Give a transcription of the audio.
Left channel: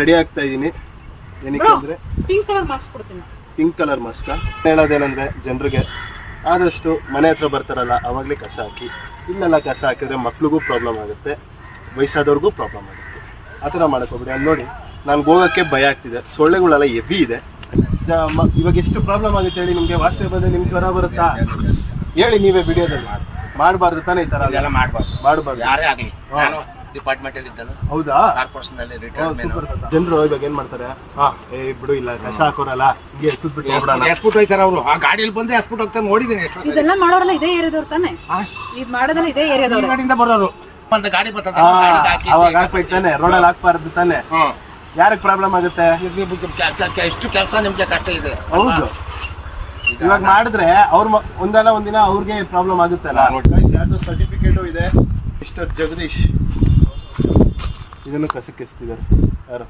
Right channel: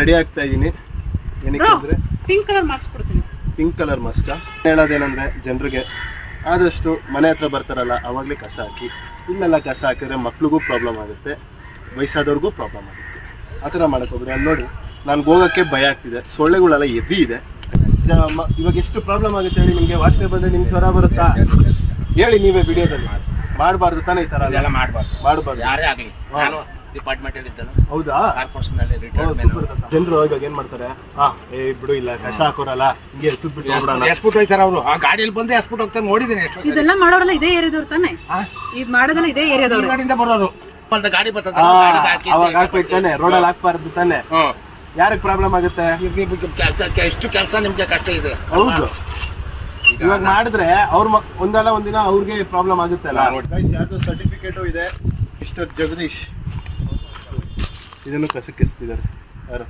Ready ಆಗ್ತಾ ಇದೀನಿ. ಏನಕ್ಕೆ ಅಂದ್ರೆ ಪಿಂಕ್ ಕಲರ್ ಮಾಸ್ಕ್ ಕೊಡ್ತೀನಿ. ಪಿಂಕ್ ಕಲರ್ ಮಾಸ್ಕ್ ಹೇಳೋದೇನಂದ್ರೆ ಜನರಿಗೆ ಆದಷ್ಟು ಮನೆ ಹತ್ರ ಬರ್ತಾರಲ್ಲ ಅವಾಗಲೇ ಕಸ ಹಾಕಿ. ಇಲ್ಲೆಲ್ಲ ಕಸ ಹಾಕಿದ್ರೆ ಮಕ್ಳಿಗೂ ಪ್ರಾಬ್ಲಮ್ ಆಗುತ್ತೆ, ವಯಸ್ಸಾದವ್ರಿಗೂ ಪ್ರಾಬ್ಲಮ್ ಆಗುತ್ತೆ. ಆ ಥರ ಮಾಡೋಕ್ಕೋಗ್ಬಿಡಿ. ಅಲ್ಲಿ ನೋಡಿ ನಾನು ಹೋಗೋಕ್ಕೆ ಭಯ ಆಗ್ತಿದೆ, ಸೊಳ್ಳೆಗಳೆಲ್ಲ ಹೆವಿ ಇದೆ. ಇವಾಗ ಎಷ್ಟು ಪ್ರಾಬ್ಲಮ್ ಆಗುತ್ತೆ ಹೇಳಿ. ನಿಮಗೆ ವಾಸನೆ ಬಂದರೆ ನಿಮ್ಗೆ ಜ್ವರ ಬರುತ್ತಾ ಹೇಳಿ ನೀವೇ ವಿಡಿಯೋದಲ್ಲಿ. ಮಾಡಬಾರ್ದು ತಾನೇ ಈ ಥರ ಎಲ್ಲ ಮಾಡಬಾರ್ದು. ಯಾರೇ ಆಗಲಿ, ನಾನು ಡಿಪಾರ್ಟ್ಮೆಂಟ್ ಅಲ್ಲಿ ಇದ್ದಾನೆ. ಹೌದಾ? ಕಾರ್ಪೊರೇಷನ್ ಅಲ್ಲಿ ರಿಟೈರ್ಮೆಂಟ್. ಜನರು ಇವಾಗ ಏನ್ ಮಾಡ್ತಾರೆ, ಬಿಡು ಇಲ್ಲ ಕಸ ಹಾಕೋರಲ್ಲ ಹಿಂಗೆ ಎಸ್ಬಿಟ್ಟು ಎಸ್ಬಿಟ್ಟು ಹೋಯ್ತಾರ ಅವರು. ಆ ಗಾಡಿಯಲ್ಲಿ ಬಂದು ಎಸ್ಬಿಟ್ಟು ಹೋಗ್ತಾರೆ, ನೋಡಿದ್ದೀನಿ ಎಷ್ಟು ಸಲ. ಇದೆಲ್ಲ ಮಾಡೋರೆಲ್ಲ ಇದೇ ಏರಿಯಾದವ್ರು ತಾನೆ? ಇದು ಮಾಡೋದಲ್ಲ ಇದೇ ಏರಿಯಾದವ್ರು. ಗಾಡಿಯಿಂದ ಬರೋರು. ಒಂದು ಗಾಡಿ ಬರ್ತದೆ, ಅವಾಗ ಹಾಕ್ಬೇಕು ತಾನೆ, ರೋಡಲ್ಲಿ ಹಾಕ್ಬಾರ್ದು ತಾನೆ. ಯಾರಿಗೆ ಪ್ರಾಬ್ಲಮ್ ಆಗುತ್ತೆ? ಎಷ್ಟು ಕೆಲಸ ನಿಮ್ಗೆ ಕಷ್ಟ ಇದೆ. ಹೌದು, ಇವಾಗ ಮಾಡಿದ್ರೆ ಅವ್ರ ಒಂದಲ್ಲ ಒಂದಿನ ಅವ್ರಿಗೆ ಪ್ರಾಬ್ಲಮ್ ಆಗುತ್ತೆ ಅಲ್ಲ. ಯಾರ್ದು ಸರ್ಟಿಫಿಕೇಟು ಇದೆ. ಮಿಸ್ಟರ್ ಜಗದೀಶ್ ಇದನ್ನು ಕಸಕ್ಕೆ ಎಸ್ತಿದ್ದಾರೆ ಯಾರು.